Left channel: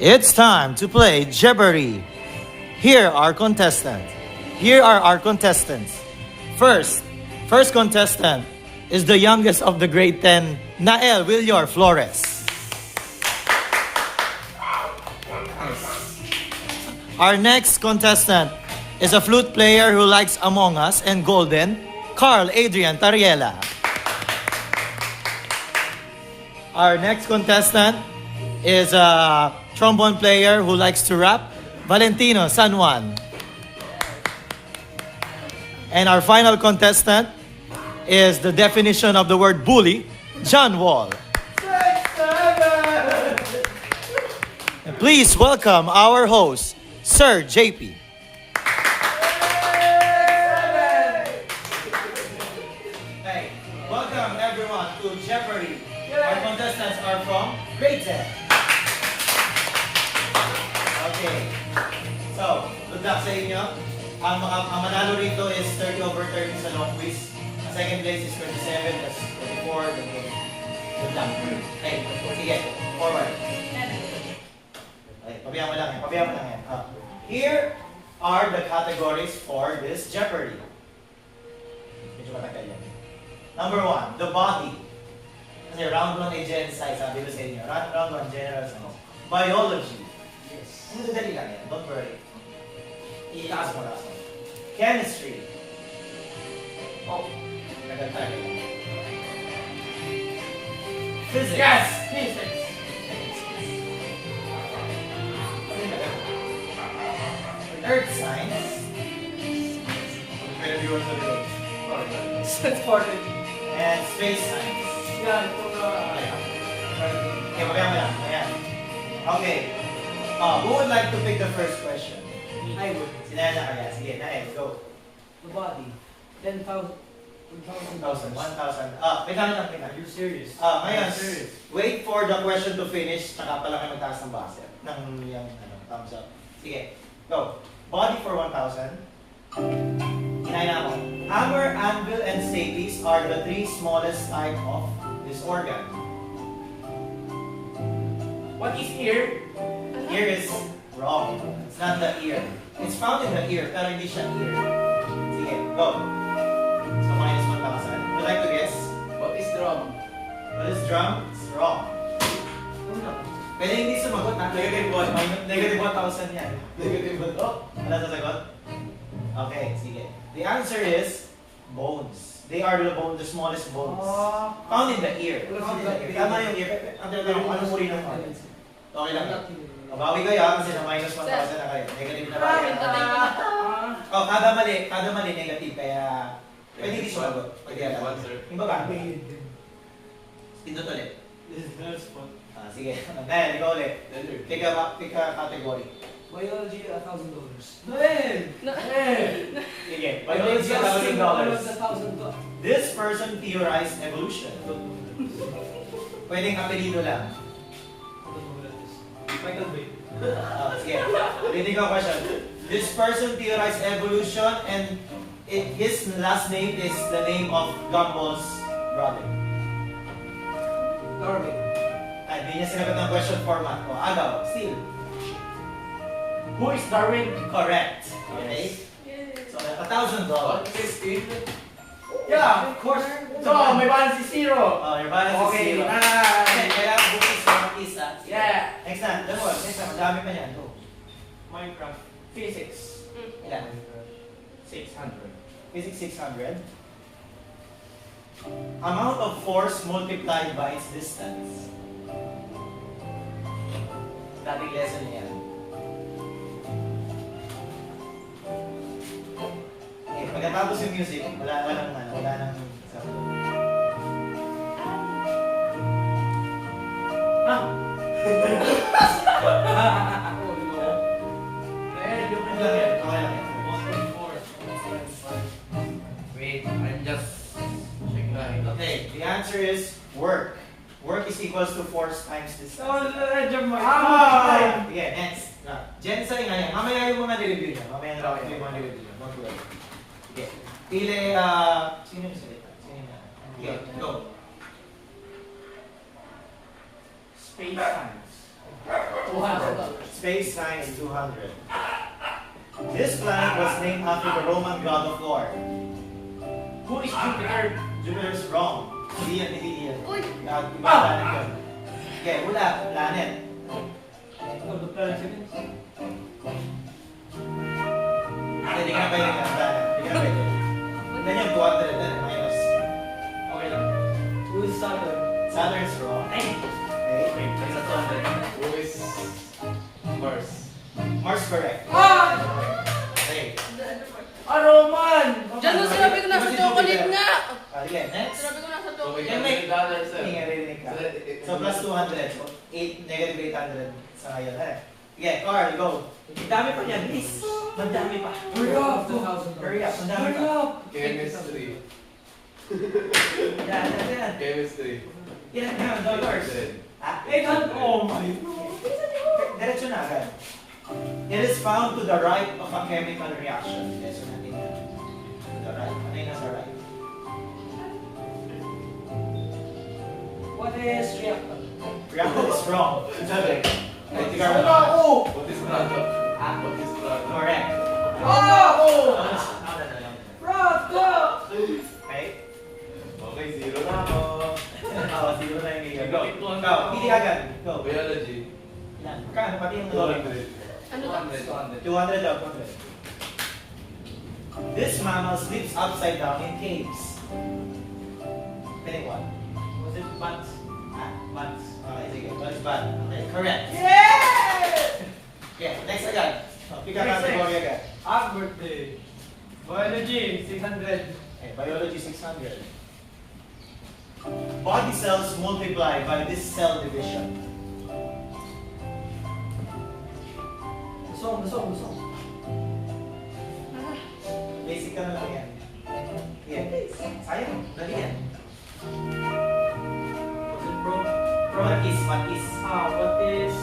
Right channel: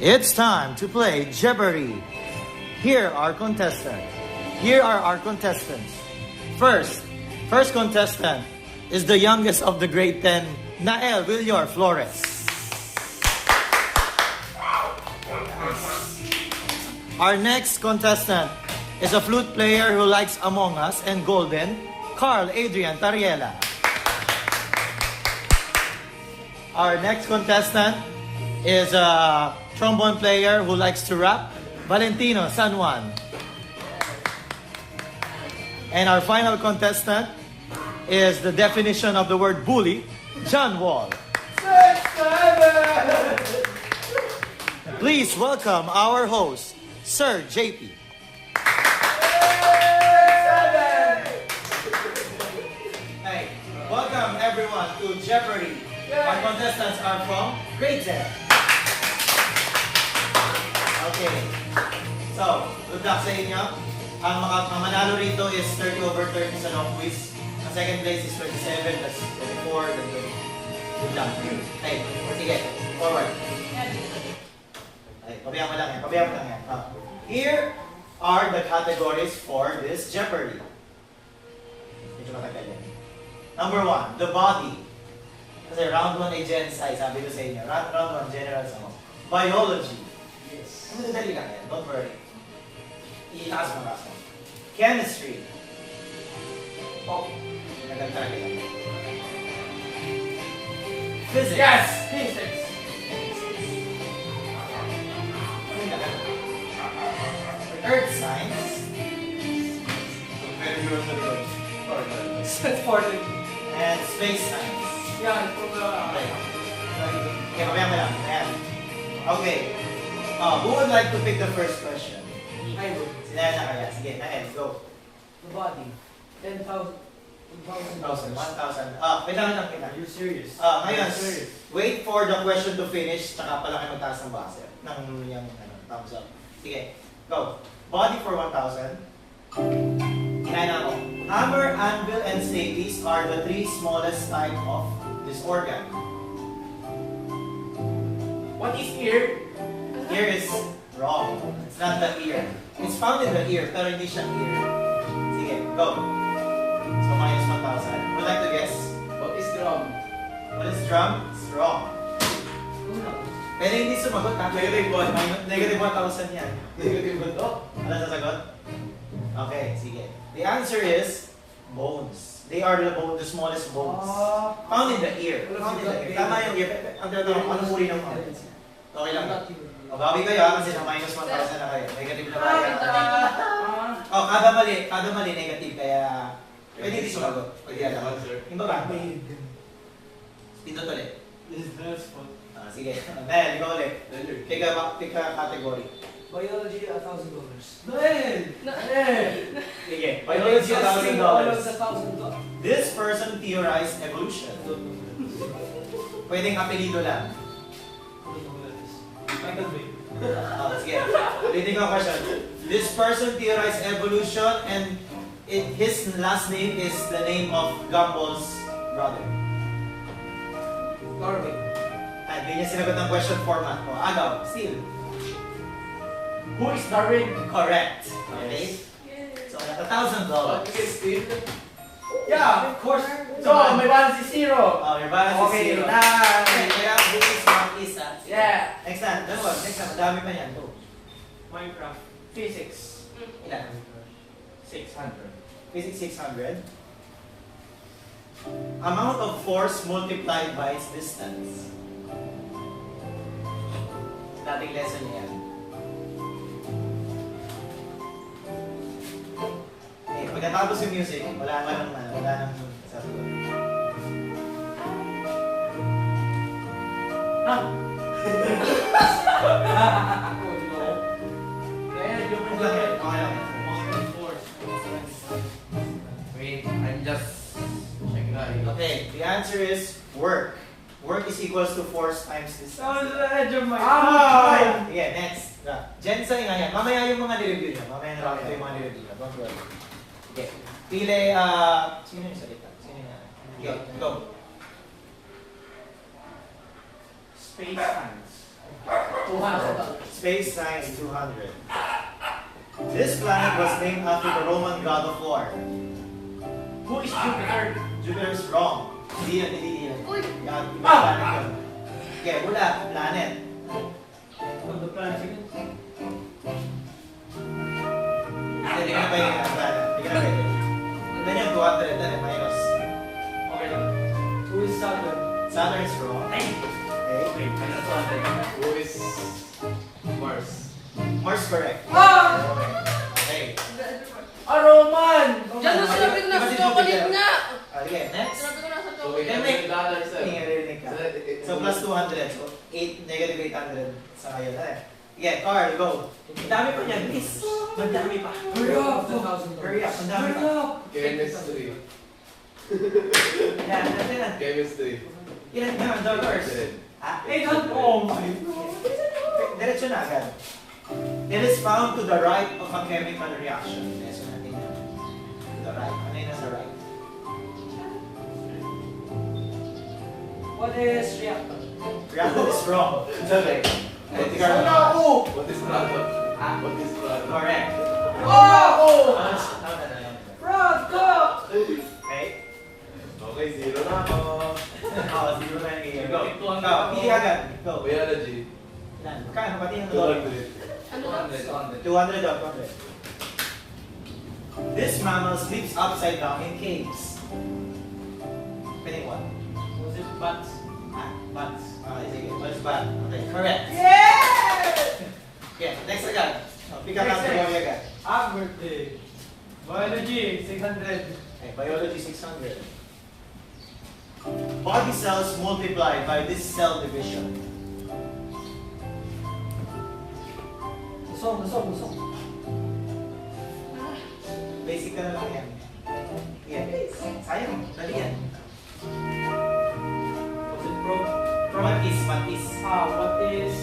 It's time to play Jeopardy! Here are contestants. Here are our contestants. First contestant is the youngest of the grade 10, Nael Villar Flores. Our next contestant is a flute player who likes Among Us and Golden, Carl Adrian Tariela. Our next contestant is a trombone player who likes to rap, Valentino San Juan. And our final contestant is the definition of the word bully, John Wall. And please welcome our host, Sir JP. Hey, welcome everyone to Jeopardy! Our contestants are from grade 10. Okay. So, good luck sa inyo. Ang manalo rito is 30 over 30 sa long quiz. Ang second place is 27, that's 24, then 20. Good luck. Okay, sige. Forward. Okay, pabayaan mo lang yan. Here are the categories for this Jeopardy. Medyo matagal yan. Number 1, the body. Kasi round 1 ay gen size, sabi ko sa inyo. Round 1, general sa mo. Biology. Yes. Ang madali lang yan, don't worry. Itaas mo. Chemistry. Oh, nagal talaga yan. Physics. Yes! Physics. Earth science. And space science. Yeah, Okay, pabayaan mo lang. Ayan. Okay. Who would like to pick the first question? I would. Si Nael na kaya. Sige, Nael, go. The body. 10,000. 1,000. Wait lang kita. Are you serious? Ngayon, I'm serious. wait for the question to finish, tsaka pala kayo magtaas ng buzzer. Ng yung thumbs up. Sige, go. Body for 1,000. Kinain na ako. Hammer, anvil, and stapes are the three smallest type of this organ. What is ear? Ear is wrong. It's not the ear. It's found in the ear, pero hindi siya ear. Sige, go. So minus 1,000. Would like to guess? What is drum? What is drum? It's wrong. Pwede hindi sumagot na. Negative 1,000 yan. Negative ba to? Wala sasagot? Okay, sige. The answer is bones. They are the smallest bones. Found in the ear. Tama yung ear. Ang tinatanong, anong uri ng bones? Okay lang. Bawi kayo kasi na minus 1,000 na kayo. Negative na ba? Kada mali negative. Kaya pwede hindi sumagot. Pwede yan. Yung baba. Pindot ulit. Sige. Dahil, ikaw ulit. Pick a category. Biology, $1,000. Sige. Biology, $1,000. $1,000. This person theorized evolution. Pwedeng apelido lang. Sige. Reading ko question. This person theorized evolution and his last name is the name of Gumball's brother. Darwin. Ay, hindi niya sinagot ng question format. Agaw, still. Who is Darwin? Correct. Okay? So, $1,000. What is Steve? Yeah, of course. So, may balance is zero. Your balance is Okay, zero. nice. Kaya bukis mga isa. Yeah. Next na. Next na. Madami pa niyan. Minecraft. Physics. Ilan? 600. Physics 600. Amount of force multiplied by its distance. Dating lesson niya. Pagkatapos yung music, wala nang sabi ko. Okay lang. Wait, I'm just checking out. Okay, the answer is work. Work is equals to force times distance. Sounds the edge of my Yeah, next. Gensai nga yan. Mamaya yung mga nireview nyo. Mamaya na lang yung mga nireview nyo. Don't worry. Okay. Pili, sino yung salita? Okay, go. Space science. Space time is 200. This planet was named after the Roman god of war. Who is Jupiter? Jupiter's wrong. Hindi yun, hindi yun. Uy! Ibang planet yun. Okay, wala. Planet. The planet. Hindi ka na ba yun? Planet. Hindi ka na ba yun? Ganyan yun, 200 na minus. Okay lang. Who is Saturn? Saturn's wrong. Okay. Who is Mars? Mars correct. Ah! Okay. Roman! Diyan mo sinabi ko na sa chocolate nga! Okay, next. Sinabi ko na sa So, chocolate. we can make that answer. Hindi nga rinig ka. So plus 200. So 8, negative 800 sa ngayon. Okay, Carl, go. Ang dami pa niyan, please. Madami pa. Hurry up! Hurry up, ang dami pa. Chemistry. Yan, yan. Chemistry. Ilan nga ang dollars? Ah, 800. Oh my. diretso na agad. It is found to the right of a chemical reaction. Yes, natin yan. To the right. Ano yung nasa right? What is reactor? Reactor is wrong. Sabi. Ay, di ka Oh, na. no! What is product? Ah, What is product? correct. Oh! Okay. Okay, zero na ako. Oh, zero na yung gear. Go. Go. Pili agad. Go. Biology. Ilan? Kaya, pati yung dollar. 200. Ano ba? 200 daw, 200. This mammal sleeps upside down in caves. Pick one. Was it bats? Ah, bats. Okay, sige. What's bat? Okay, correct. Yeah! Yeah, next agad. Oh, pick up Next, category agad. Happy birthday. Biology, 600. Okay, biology 600. Body cells multiply by this cell division. Song. Basic ka na lang yan. Yeah, sayang. Dali yan. Was it pro? What is? What is?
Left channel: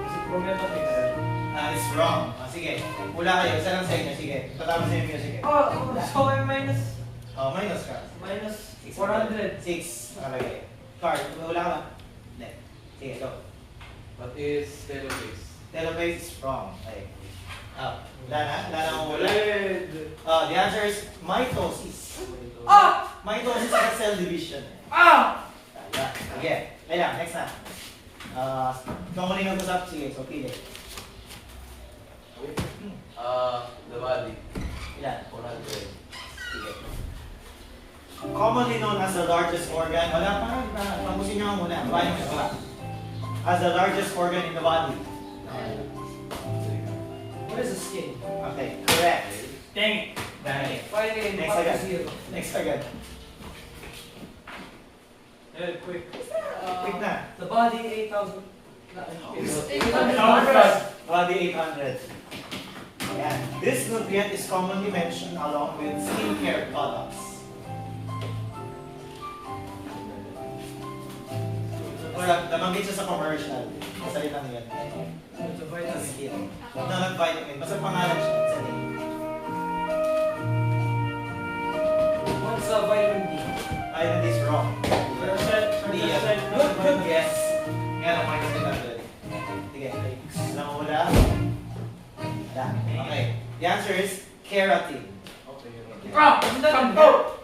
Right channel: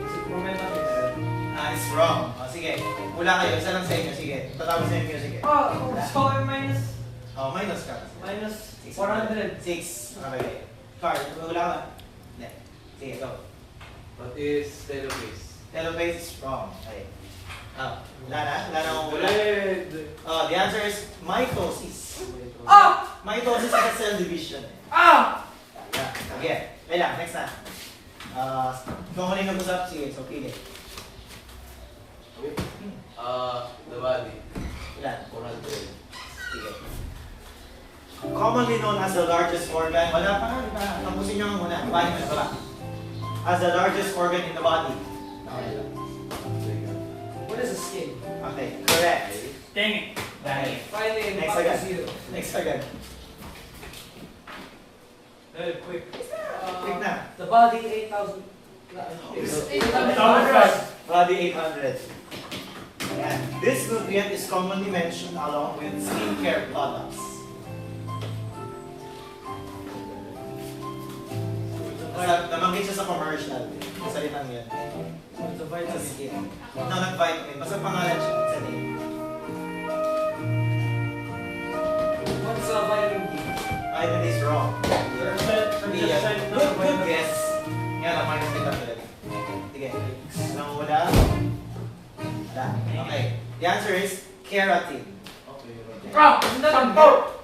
Is it promethazine? It's wrong. Oh, sige. Mula kayo. Isa lang sa inyo. Sige. Tatapos sa inyo. Sige. So minus Oh, minus ka. 400. 6. Okay. Card. Wala ka ba? Hindi. Sige, go. What is telophase? Telophase is wrong. Okay. Oh, wala na? Wala na akong wala. Red. The answer is mitosis. Ah! Mitosis is cell division. Ah! Yeah. Sige. Kaya, next na. Kung muna yung nag-usap, sige. So, pili. The body. Ilan? 400. Sige. Commonly known as the largest organ. Wala pa, di ba? Tampusin nyo nga muna. Paano mo wala? As the largest organ in the body. What is the skin? Okay, correct. Dang it. Dahil. Next agad. zero. Next agad. Very quick. Quick na. The body 8,000. Body 800. Ayan. This nutrient is commonly mentioned along with skincare products. Namanggit siya sa commercial. Salitang yan. It's a Sa vitamin. skin. No, not vitamin. Basta pangalan siya. Sa name. What's a vitamin D? Vitamin D is wrong. Good guess. Nga lang, minus 800. Sige. Nangula. Wala. Okay. The answer is keratin. Ah! Shampoo!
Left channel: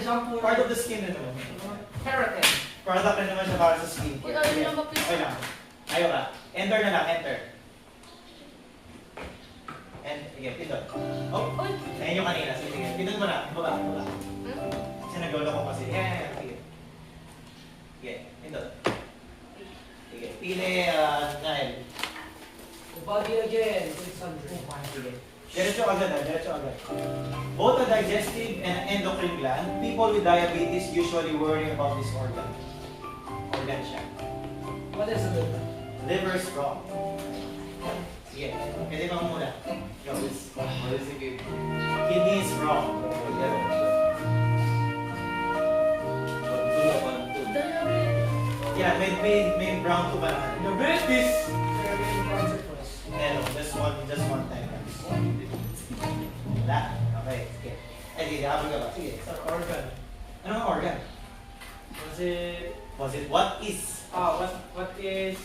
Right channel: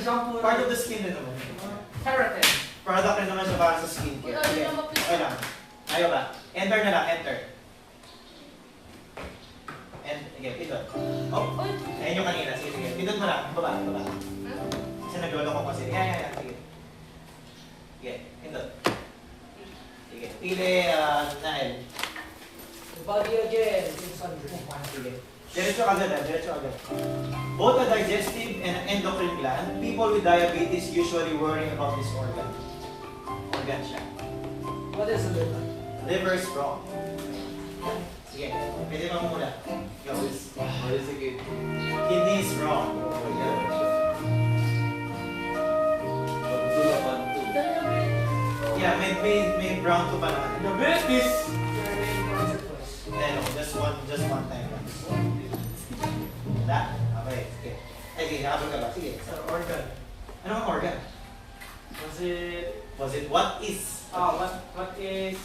Shampoo. Part of the skin na naman. Keratin. Product na naman siya para sa skin. Okay lang. Ayaw ka. Enter na lang. Enter. And, sige, pindot. Oh, Uy! ayun yung kanina. Sige, sige. Pindot mo lang. Baba, baba. Kasi naglolo ko kasi. Yeah. Sige. Sige, pindot. Sige. Pili, Nael. Body again. 600. Sige. Diretso agad diretso agad. Both a digestive and endocrine gland, people with diabetes usually worry about this organ. Organ siya. What is the liver? Liver is wrong. Sige, pwede bang muna? Go. What is the kidney? Kidney is wrong. Yeah, may brown to ba naman? The business. Very important for us. Hello, just one time. Wala? Okay, sige. Ay, sige, habol ka ba? Sige. It's an organ. Anong organ? Was it? Was it what is? What is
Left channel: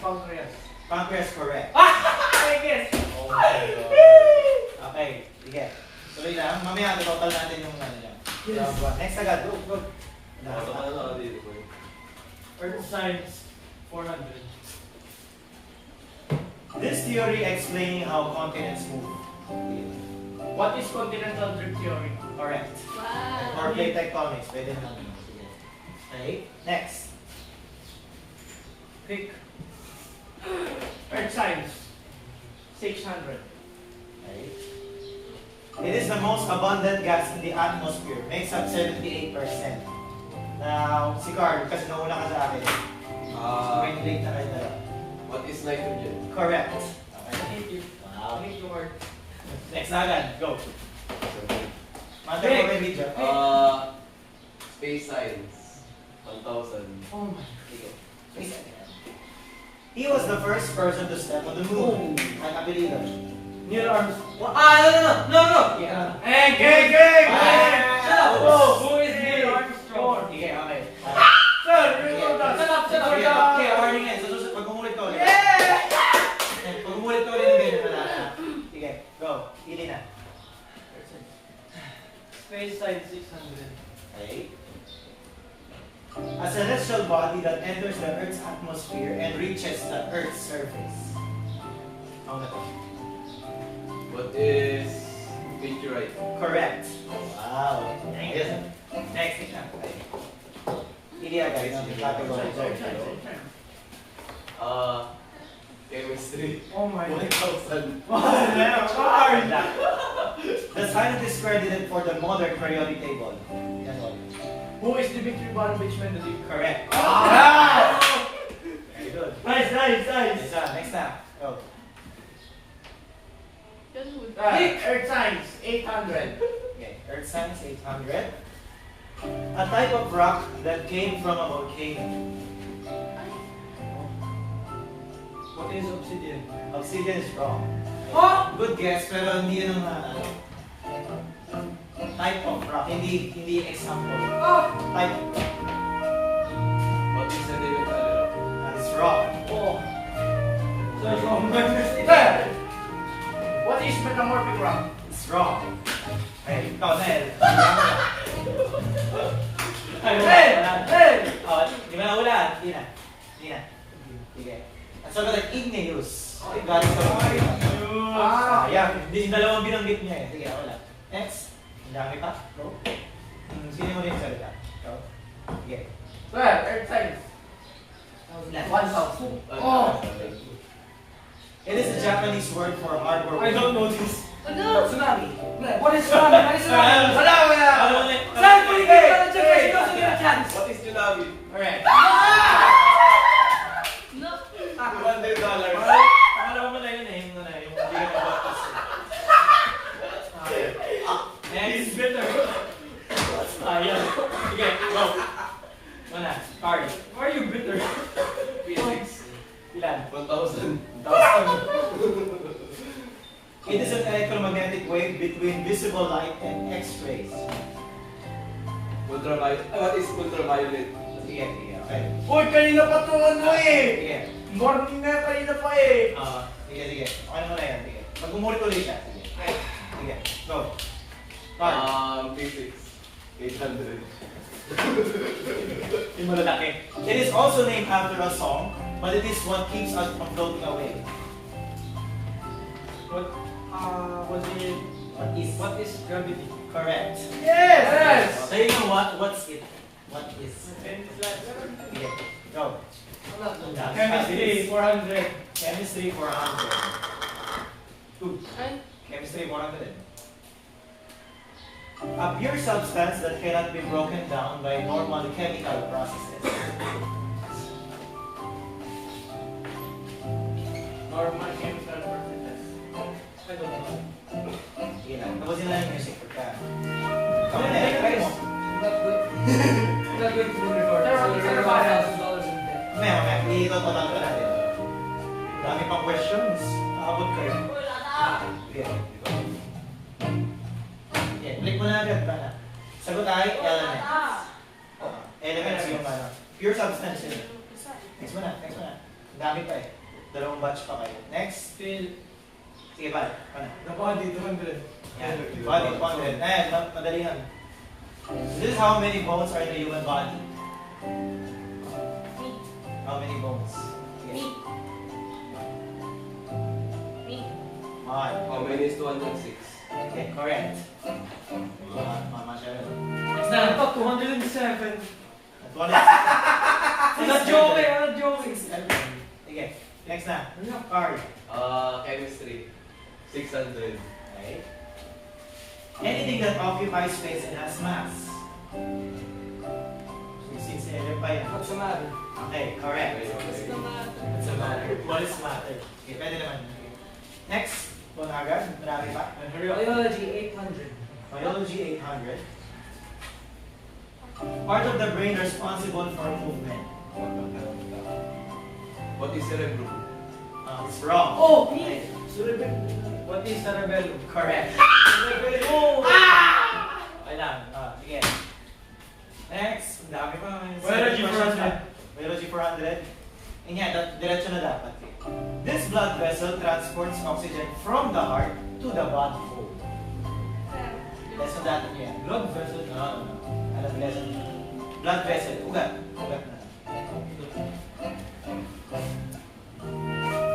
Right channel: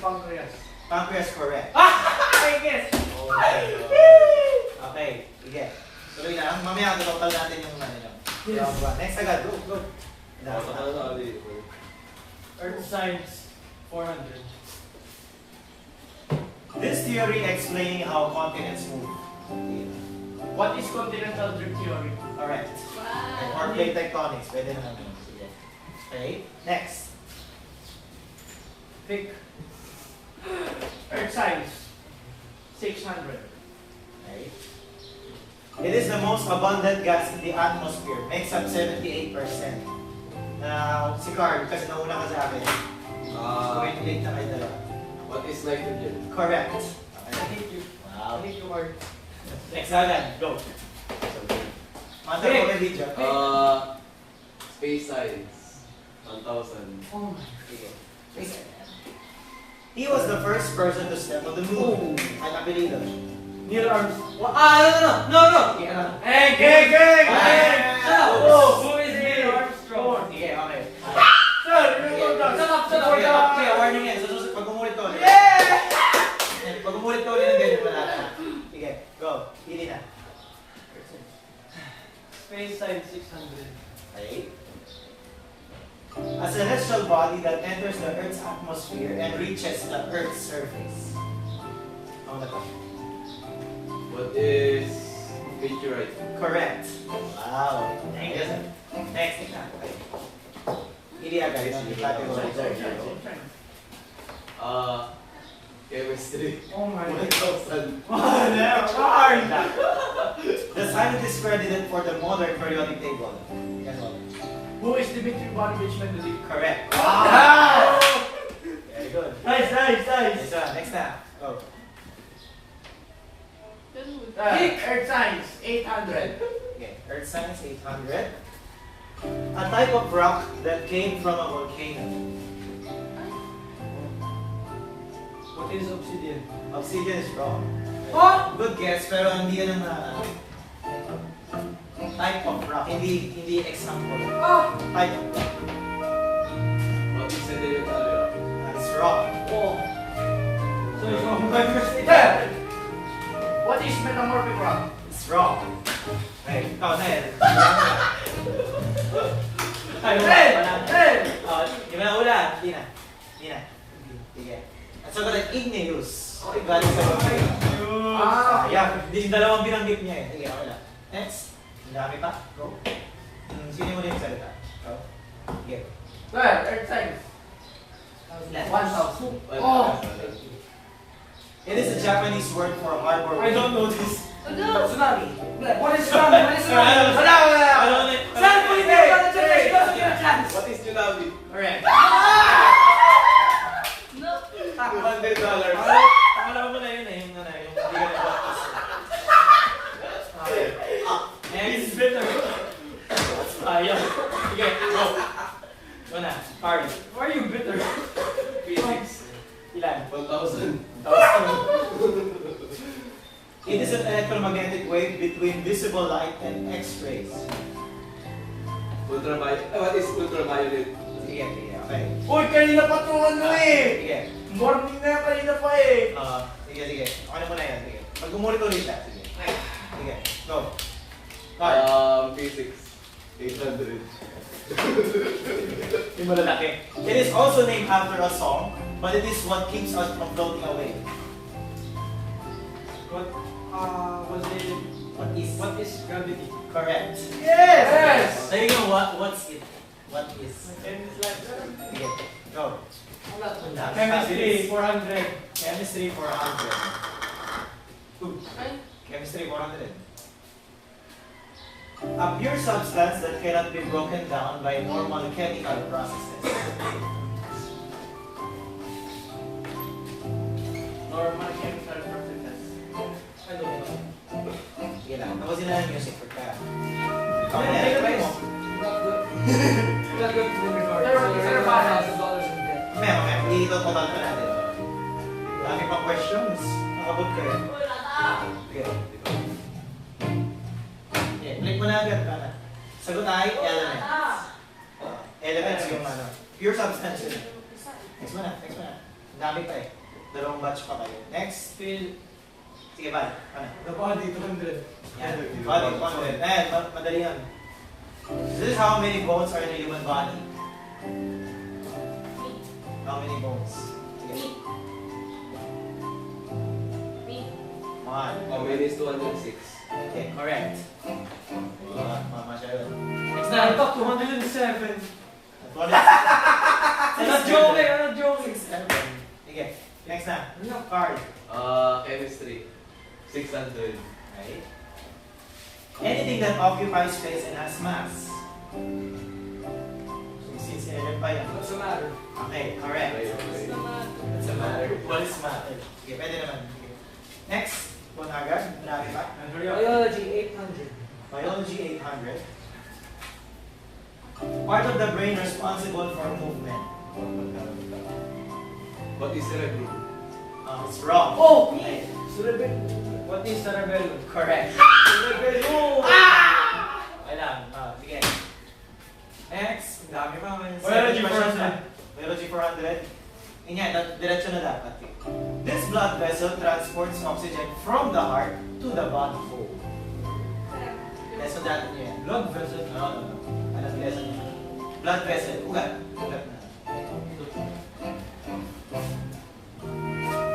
pancreas? Pancreas correct. I guess. Oh my God. Okay, sige. Tuloy na. Mamaya total natin yung ano lang. Yes. Round one. Next agad, go, go. Earth science 400. This theory explaining how continents move. What is continental drift theory? Correct. Wow. Or plate tectonics. Pwede naman yun. Sige. Okay, next. Pick. Earth science 600. Okay. It is the most abundant gas in the atmosphere. Makes up 78%. Now, si Carl, kasi nauna ka sa akin. Wait, late na kayo dalawa. What is nitrogen? Correct. I Okay. hate you. Wow. I hate you hard. Next agad, go. Mata ko kay video. Space science. 1,000. Oh my. Sige. He was the first person to step on the moon. Ang apelido. Neil Armstrong. No! Yeah. Hey, Who is Neil Armstrong? Sige, okay. Sir, Shut up! Okay, warning yan. So, pag umulit ka ulit. Pag umulit ka ulit ng ganyan, wala na. Sige, go. Pili na. Space science 600. Okay. A celestial body that enters the Earth's atmosphere and reaches the Earth's surface. Ano na to? What is meteorite? Correct. Wow. Yes. Next example. Pili agad yung category. Chemistry. Oh my god. 1,000. Hard. The scientists credited for the modern periodic table. Yan all. Who is Dmitry Ivanovich Mendeleev? Correct. Very good. Nice. Next na. Go. Ganun. Earth science 800. Okay. Earth science 800. A type of rock that came from a volcano. What is obsidian? Obsidian is wrong. Huh? Good guess, pero hindi yan ang type of rock. Hindi example. Type of rock. What is sedimentary rock? That is wrong. Oh. So, what is metamorphic rock? It's wrong. Hey, ikaw na yan. Ay, wala. Di ba wala? Hindi na. Sige. Ang sagot ay igneous. Galing sa volcano. Yeah. Yung dalawang binanggit niya eh. Sige, wala. Next. Ang dami pa. Go. Sino mo din salita? Go. Sige. Earth science 1000. Oh. It is a Japanese word for harbor. I don't know this. Ano? Tsunami. What is tsunami? Wala. Saan po yung chance? What is tsunami? Alright. No. $200. Akala mo na yun eh. Yung hindi ka nag-practice. Okay. Next. Ayun. Sige, go. Una, Carl. Why are you bitter? Physics. Ilan? 1,000. It is an electromagnetic wave between visible light and X-rays. Ultraviolet. What is ultraviolet? Sige, okay. Uy, kanina pa to Sige. Morning na kanina pa eh. Sige. Ano mo na yan? Sige. Mag-umulit ulit siya. Sige. Sige. Go. Carl. Physics. 800. Yung malalaki. It is also named after a song, but it is what keeps us from floating away. What is gravity? Correct. Yes! So you know what's it? What is? Sige. Go. Chemistry 400. Chemistry 400. Ay, Chemistry 400. A pure substance that cannot be broken down by normal chemical processes. Normal chemical processes. I don't know. Sige na. Tapusin na yung music for ka. Ikaw na Yeah, yan. Try mo. Not good to record. So, $5,000 in debt. Mamaya. Iikot mo talaga natin. Dami pang questions. Makabot ka yan. Sige. Click mo na agad para. Sagot ay elements. Elements yung ano. Pure substance yun. Next mo na. Ang dami pa eh. Dalawang batch pa kayo. Next. Phil. Sige, Val. Ano? The body, 200. Yan. Body, 100. Madali yan. This is how many bones are in the human body. How many bones? Sige. One. How many is 206? Okay, correct. Mama siya yun. Next na, ito, 207. At I'm not joking. Ano ba? Sige, next na. Card. Chemistry. 600. Right? Anything that occupies space and has mass. So, since element pa yan. What's the matter? Okay, correct. Okay. What's the matter? What is matter? Okay, pwede naman. Okay. Next, kung agad, marami pa. Biology, 800. Biology 800. Part of the brain responsible for movement. What is cerebrum? It's wrong. Oh! Okay. What is cerebellum? Correct. Cerebellum! Okay lang. Sige. Next, ang dami pa. Biology Questions 400. pa. Biology 400. Yun nga, diretso na dapat. This blood vessel transports oxygen from the heart to the body. Lesson natin niya yan. Blood vessel. No. Anong lesson niya? Blood vessel. Ugat. Ugat na.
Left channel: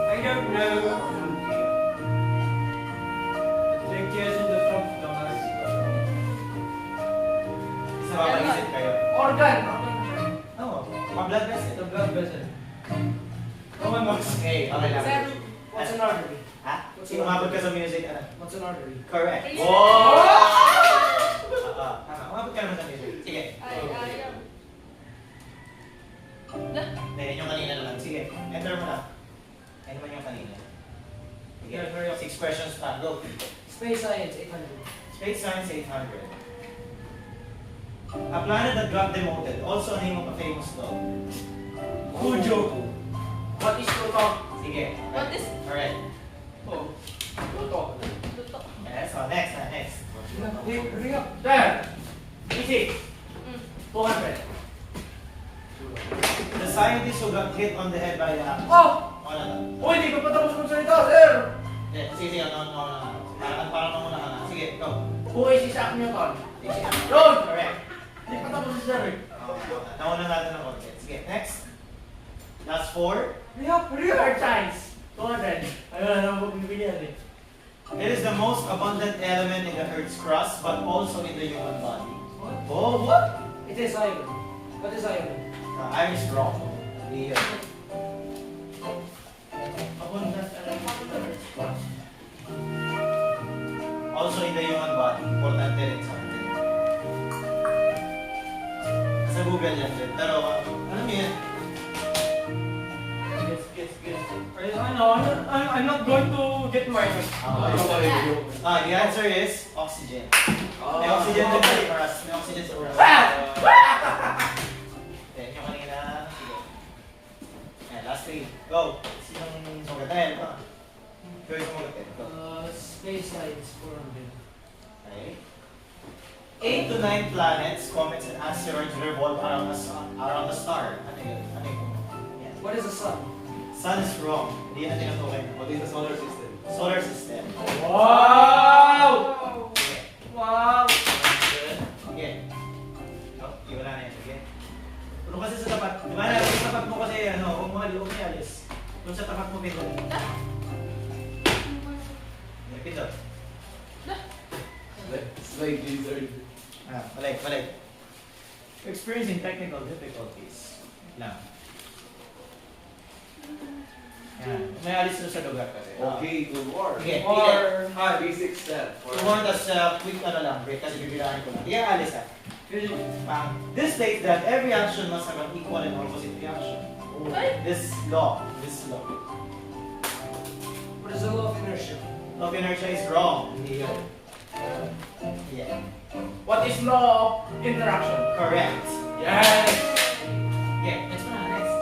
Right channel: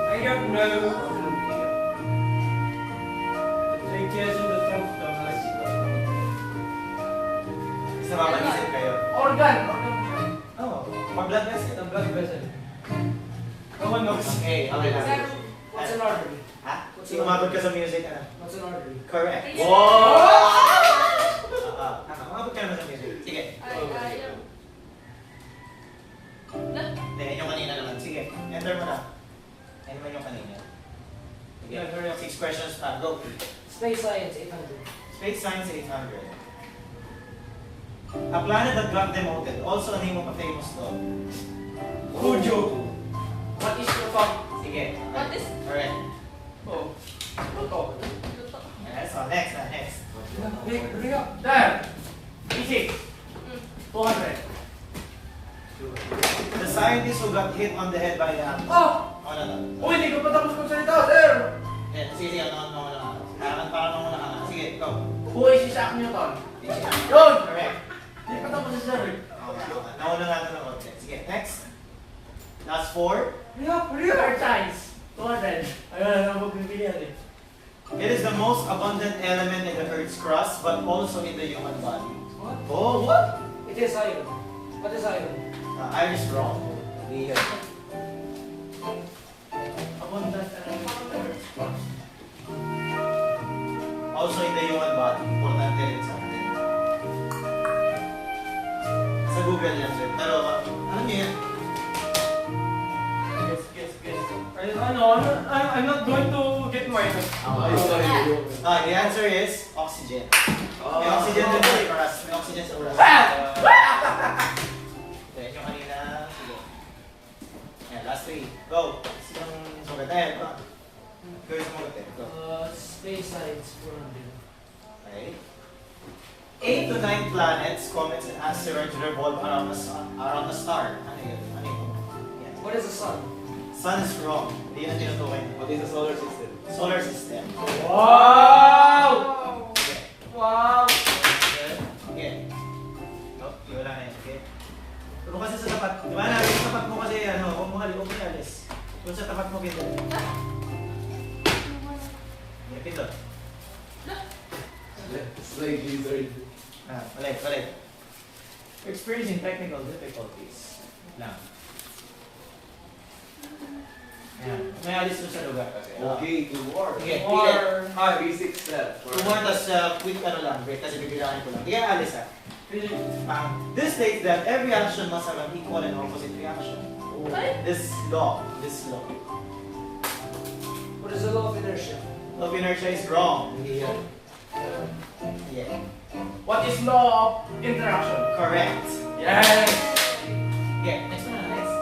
I got no. Take care of the top, guys. Basta mapagisip kayo. Organ. Oo. Blood vessel. The blood vessel. Okay, okay lang. Sir, What's an artery? Ha? Sige, umabot ka sa music, ano? What's an artery? Correct. Yes. Wow! Tama. Umabot ka naman sa music. Sige. Yung kanina naman. Sige, enter mo na. Ano man yung kanina? Sige, Yeah, hurry up. 6 questions pa. Go. Space science, 800. Space Science 800. A planet that got demoted. Also a name of a famous dog. Cujo. What is Pluto? Sige. What is- Alright. Oh. Pluto. Yes, so next. Wait, hurry up. There. Easy. 200. The scientist who got hit on the head by a... Oh! Ano na? Oh, hindi ko pa tapos magsalita, sir! Sige, parang muna ka na. Sige, go. Who is Isaac Newton? Road! Correct. Hindi pa tapos si sir. Nauna natin ng konti. Sige, next. Last 4. Hurry up! Earth science. 200. Ayun, magbibilihan eh. It is the most abundant element in the Earth's crust, but also in the human body. What? Oh, what? It is iron. What is iron? Iron is wrong. Here. Abundant element in the Earth's crust. Also in the human body. Importante rin sa atin. Sa Google yan din. Pero, alam niyo yan? Yes. I'm not going to get my... The answer is oxygen. May oxygen din sa oras. May oxygen sa oras. Okay, yung kanina. Sige. Ayan, last 3. Go. Sinong sugat? Ayan, ito. Pwede sumugat yan. Ito. Space science, 400. Okay. 8 to 9 planets, comets, and asteroids revolve around the star. Ano yun? Yan. What is the sun? Sun is wrong. Hindi yan tinutukoy. What is the solar system? Solar system. Wow! Okay. Wow! Okay. Oh, wala na yan. Okay. Pero kasi sa tapat, di ba natin sa tapat mo kasi huwag mo alis. Kung sa tapat mo pindot. Okay, pindot. Slide lizard. Balik. Experiencing technical difficulties. Now. Ayan. May alis na sa lugar kasi. Okay, 2 more. Okay. Or... Basic step. Tuwan, tas quick lang, break kasi bibilahin ko lang. Iya, alis This states that every action must have an equal and opposite reaction. This law. What is the law of inertia? Law of inertia is wrong. Here. Yeah. What is law of interaction? Correct. Yes! Okay, next one. Next.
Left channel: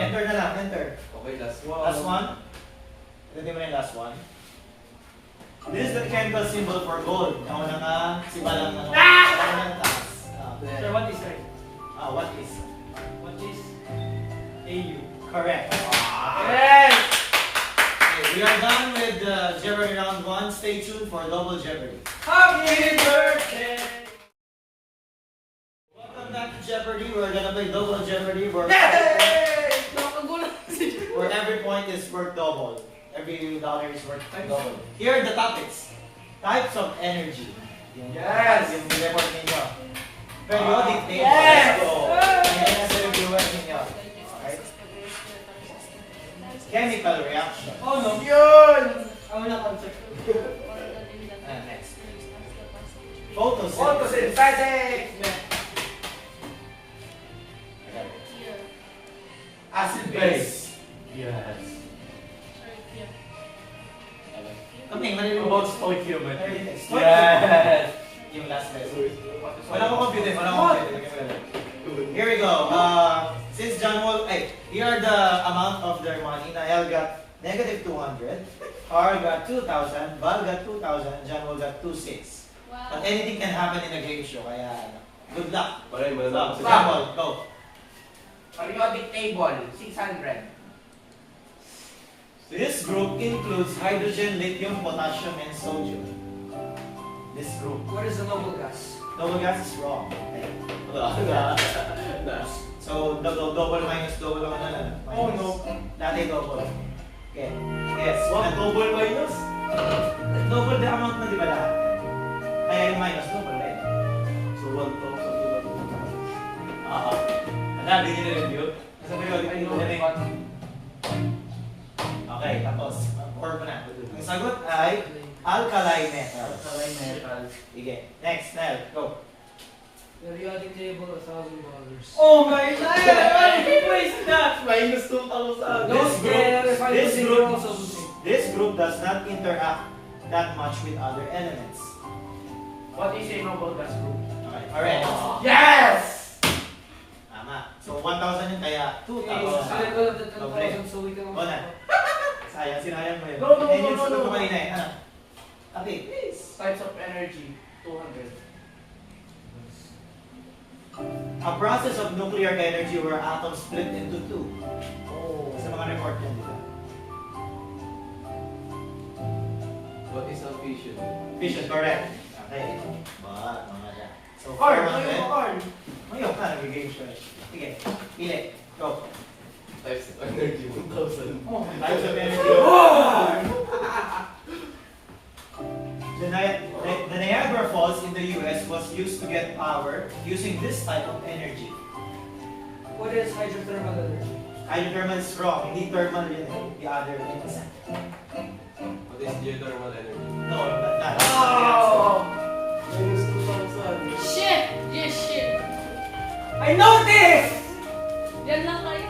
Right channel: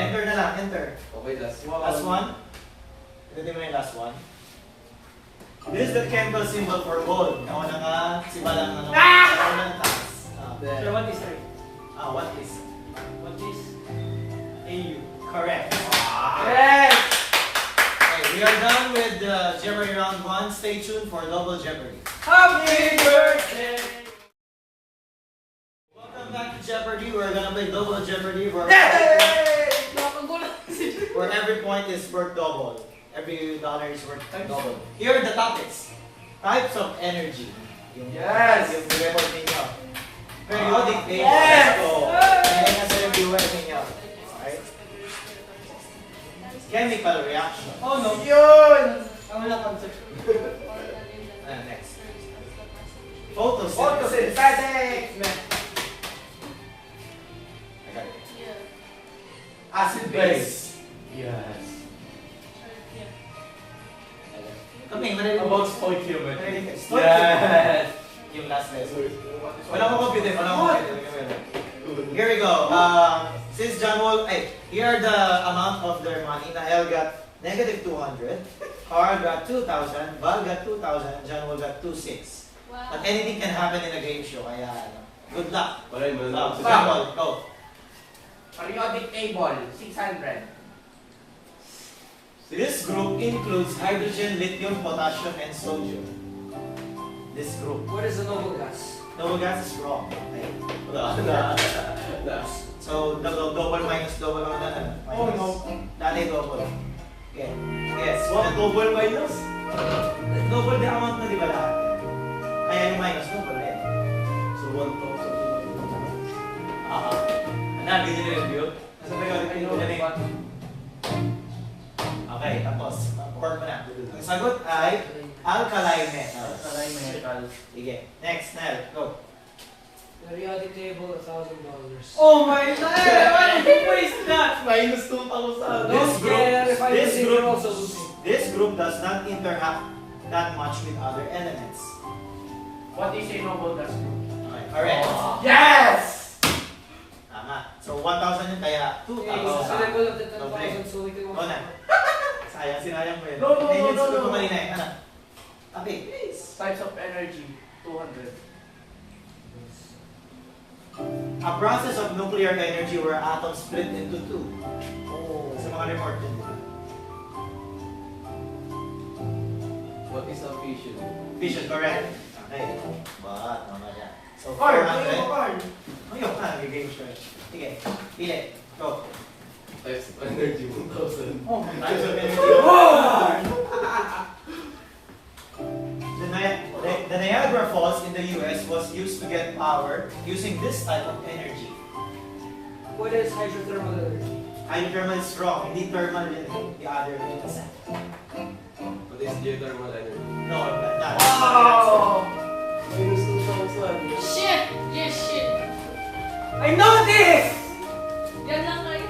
Enter na lang, enter. Okay, last one. Last one. Ito mo na yung last one. This is the chemical symbol for gold. Ako na nga, sibalang ano. Ako na taas. Sir, what is sir? What is? What is AU? Correct. Yes! Okay, we are done with Jeopardy round 1. Stay tuned for double Jeopardy. Happy birthday! Welcome back to Jeopardy. We're gonna play double Jeopardy where Nakagulo si Joy. every point is worth double. Every dollar is worth double. Here are the topics. Types of energy. Yes. Yung report ninyo. Periodic table. Yes. Let's go. Ayan na sa reviewer ninyo. Alright. Chemical reaction. Oh no! Yun! Ano na concept? Next. Photosynthesis. Photosynthetic! Okay. Acid base. Yes. Kaming, marinig About stoichiometry. Yes. Yung last lesson. Wala ko confident. Here we go. Since John Wall, here are the amount of their money. Nael got negative 200. Carl got 2,000. Val got 2,000. John Wall got 2,600. But anything can happen in a game show. Kaya, good luck. Maray, So, maray. John Wall, go. Periodic table, 600. This group includes hydrogen, lithium, potassium, and sodium. This group. What is the noble gas? Noble gas is wrong. Okay. Wala. So, double minus double ang ano. Oh, no. Dati double. Okay. Yes. What? Double minus? Double the amount na di ba lahat? Kaya yung minus double rin. So, 1,000. Ano, di nyo review? Nasa periodic table na rin. Okay, tapos. Work mo na. Ang sagot ay alkali metals. Alkali metals. Sige. Next, Nel. Go. Periodic table, $1,000. Oh my God! Why did you waste that? Minus 2,000. This group does not interact that much with other elements. What is a noble gas group? Okay, alright. Yes! Tama. So 1,000 yun kaya 2,000. Select all of the Doble. 10,000 so we can... Go na. Sayang, sinayang mo yun. No, no, Ayun yung no, sagot no, ko no. kanina eh. Ano? Tapi, please. Types of energy, 200. A process of nuclear energy where atoms split into two. Oh. Sa mga report yun. What is a fission? Fission, correct. Okay. Ba, tama dyan. So Carl, 400. Carl. Ngayon ka, nag-game show. Sige, pili. Go. Types of energy, 1,000. Oh my Types of God. energy. The Niagara Falls in the US was used to get power using this type of energy. What is hydrothermal energy? Hydrothermal is wrong. Hindi thermal yun. The other things. What is geothermal energy? No, not. Oh! Minus 2,000. Shit! Yes, shit! I know this! Yan lang kayo.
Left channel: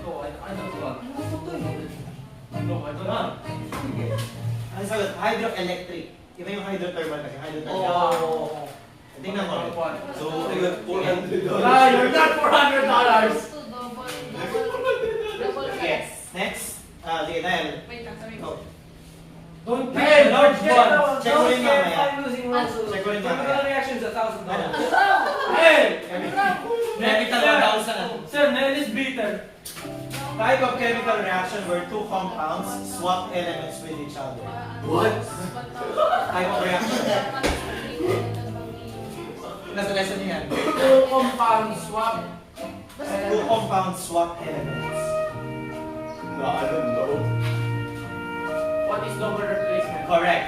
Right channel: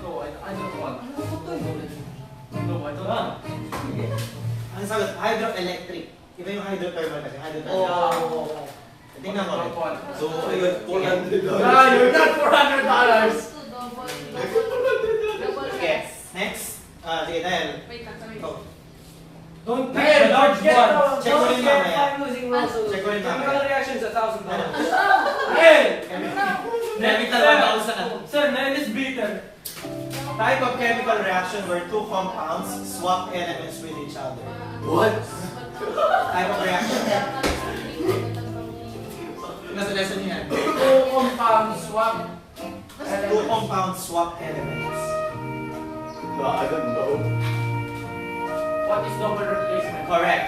No, I don't want. Ano to? No, I don't want. Ano sagot? Hydroelectric. Iba yung hydrothermal kasi. Hydrothermal. Oh. Tingnan mo. So, ayun, $400. Yeah, you're not $400. Okay. Next. Sige, Nel. Wait lang, wait. Go. Don't Hey, pay large large one. one. Check mo rin mamaya. I'm using Russell. Check ko rin mamaya. Chemical reaction is $1,000. Ano? Hey! Chemical 1,000. Sir, man is bitter. Type of chemical reaction where two compounds swap elements with each other. What? Type of reaction. Nasa lesson niyan. Two compound swap. Two compounds swap elements. No, I don't know. What is double replacement? Correct.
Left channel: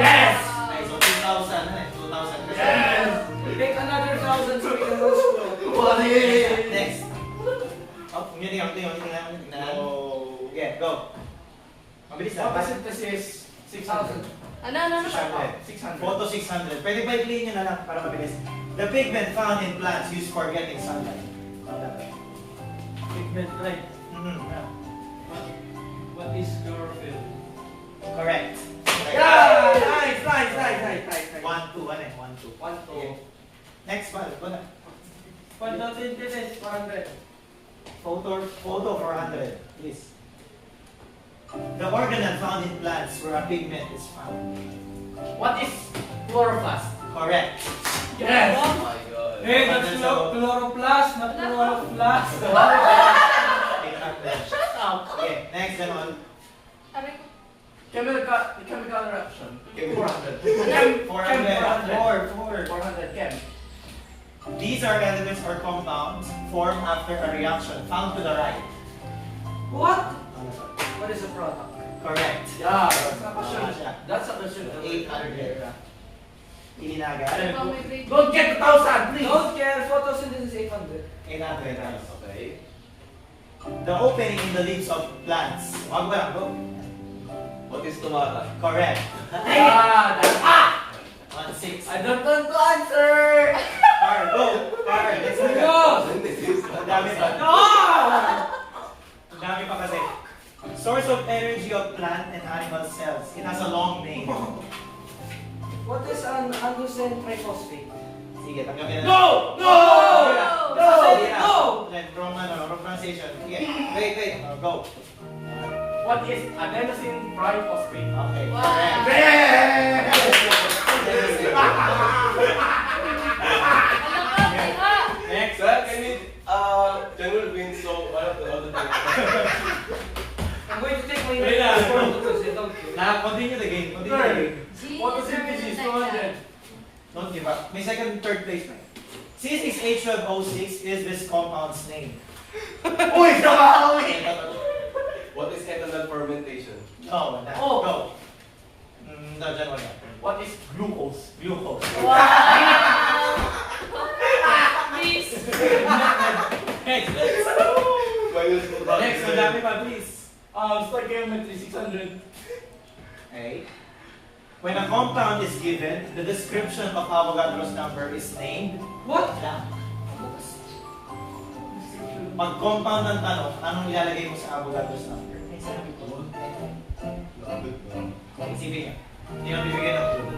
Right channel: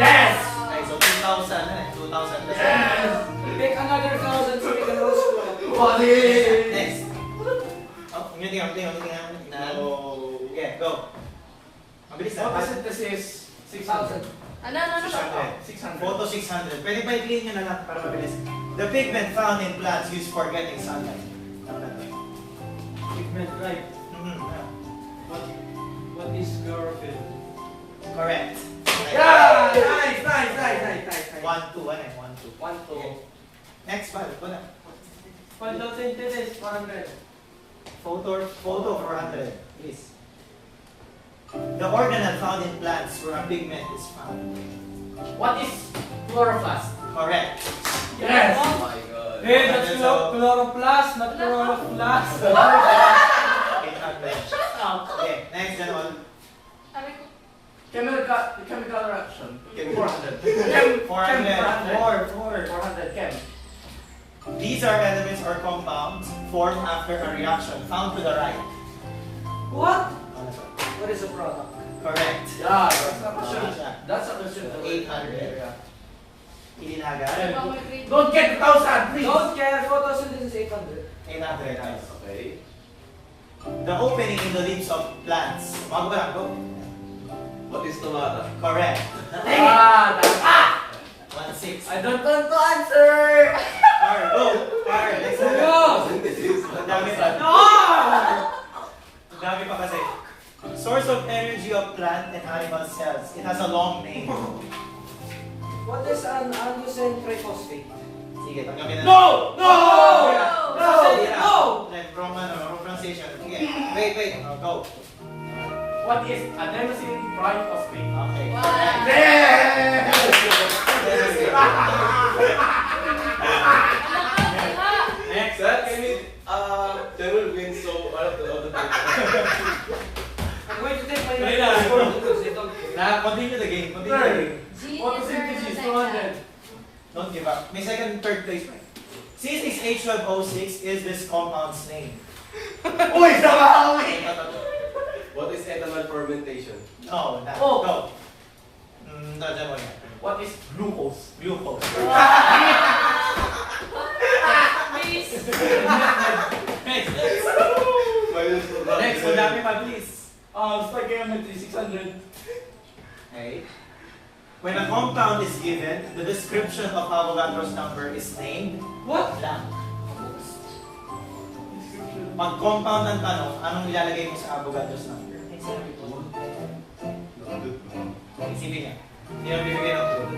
Yes! Okay, so 2,000 na eh. 2,000. Yes! Take another 1,000 so we can go school. What is? Next. Oh, yung tingnan. Okay, go. Mabilis na. Photosynthesis, 6,000. Ano? 600. Photo 600. Pwede ba i-clean nyo na lang para mabilis? The pigment found in plants used for getting sunlight. Pigment, right? Mhm. What is chlorophyll? Correct. Yeah! Nice. 1, 2, ano eh? 1, 2. 1, 2. Next, balik ko na. Photosynthesis, 400. Photo 400. Please. The organelle found in plants where a pigment is found. What is chloroplast? Correct. Yes! Oh my god. Hey, that's chloroplast, not chloroplast. Okay, nakakaya. Shut up! Okay, next and all. Sabi ko, Chemical reaction. 400. 400. 400 chem. These are elements or compounds formed after a reaction found to the right. what? What is a product? Correct. Yeah. Siya. That's a question. 800. Ilinaga. oh, my grade. Don't get 2,000, please! Don't care, photosynthesis 800. 800. Okay. The opening in the leaves of plants. Wag mo lang, go. What is tomato? Correct. Ah, that's 1-6. I don't want to answer! Alright, go. Alright, next one. Go! Ang dami pa. No! Ang dami pa kasi. Source of energy of plant and animal cells. It has a long name. What is an androgen triphosphate? Sige, tanggapin na. No! No! No! No! Like, wrong pronunciation. Sige, wait. Oh, go. What is adenosine triphosphate? Okay, correct. Next. That can it general means so I'm going to take my Wait lang. score because they don't care. Continue the game. Continue the game. Photosynthesis 200. Don't give up. May second, third place pa. C6H12O6 is this compound's name. Uy, sama kami! What is ethanol fermentation? No, that. Oh. Go. No, dyan mo yan. What is glucose? Glucose. Please. Next. Next, madami pa, please. Stoichiometry 600. Okay. When a compound is given, the description of Avogadro's number is named What? blank. Pag compound ng tanong, anong ilalagay mo sa Avogadro's number? Isipin niya. Hindi na bibigyan ng clue.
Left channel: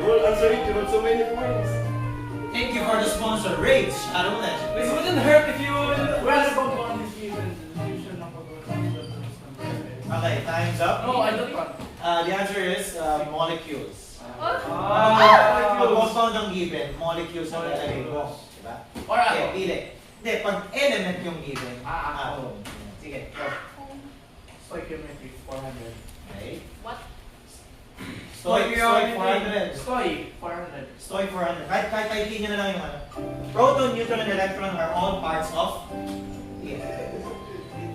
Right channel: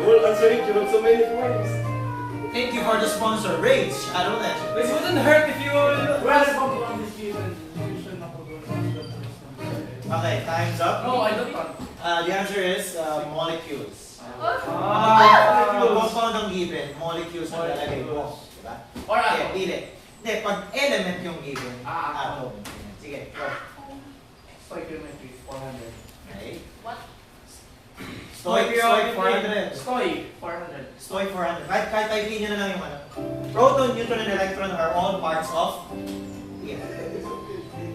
You will answer it, you have so many points. Thank you for the sponsor, Rage Shadownet. It wouldn't hurt if you Where is compound is given? Description of Okay, time's up. No, I don't want. The answer is molecules. Ah. Pag compound ang given, molecules ang ilalagay mo. Diba? Or Okay, atom. pili. Hindi, pag element yung given, Ah, atom. Sige, go. Stoichiometry 400. Okay. What? Stoic 400. Stoic 400. Stoic 400. Kahit typing nyo na lang yung ano. Proton, neutron, and electron are all parts of... Sige.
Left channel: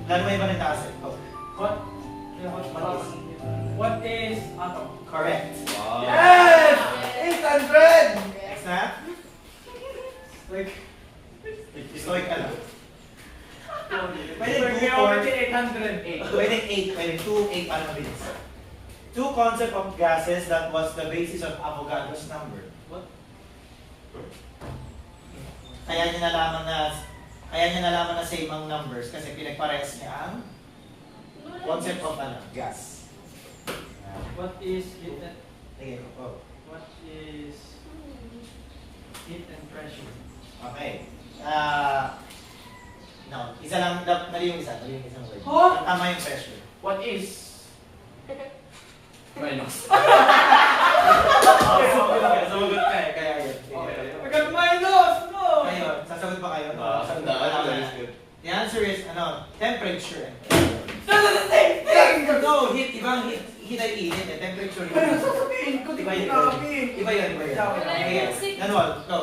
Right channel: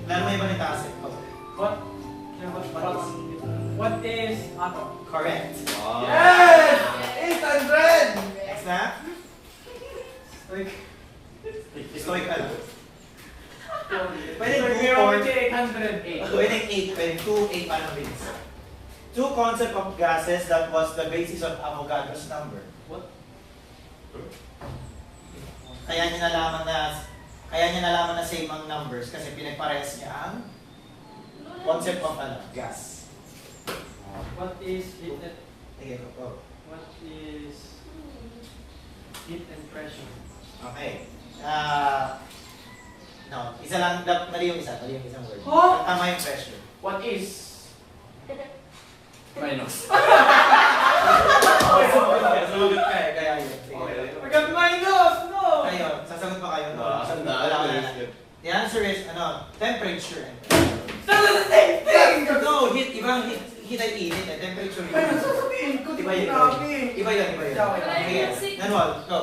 Lalo may iba nito acid. Go. What is atom? Correct. Wow. Yes! 800! Next na. Stoic ka lang. Pwede 2, 4, Stoichiometry 808. pwede 8, pwede 2, 8 ano rin. Two concept of gases that was the basis of Avogadro's number. What? Kaya niya nalaman na same ang numbers kasi pinagparehas niya ang concept of ano, gas. What is heat and Sige, go. what is heat and pressure? Okay. No, isa lang, mali yung isang word. Huh? Tama yung pressure. What is minus? Sasagot ka eh, kaya yun. Sige. I got minus! No! Kayo, sasagot ba kayo? Tandaan Wala mo ka yun. na. The answer is, temperature and That's the same thing! No, heat, ibang heat ay init eh, temperature Ay, yun. sasabihin ko, di Iba ba yun, yung iba yun. Iba yun. Sige, Nanwal, go.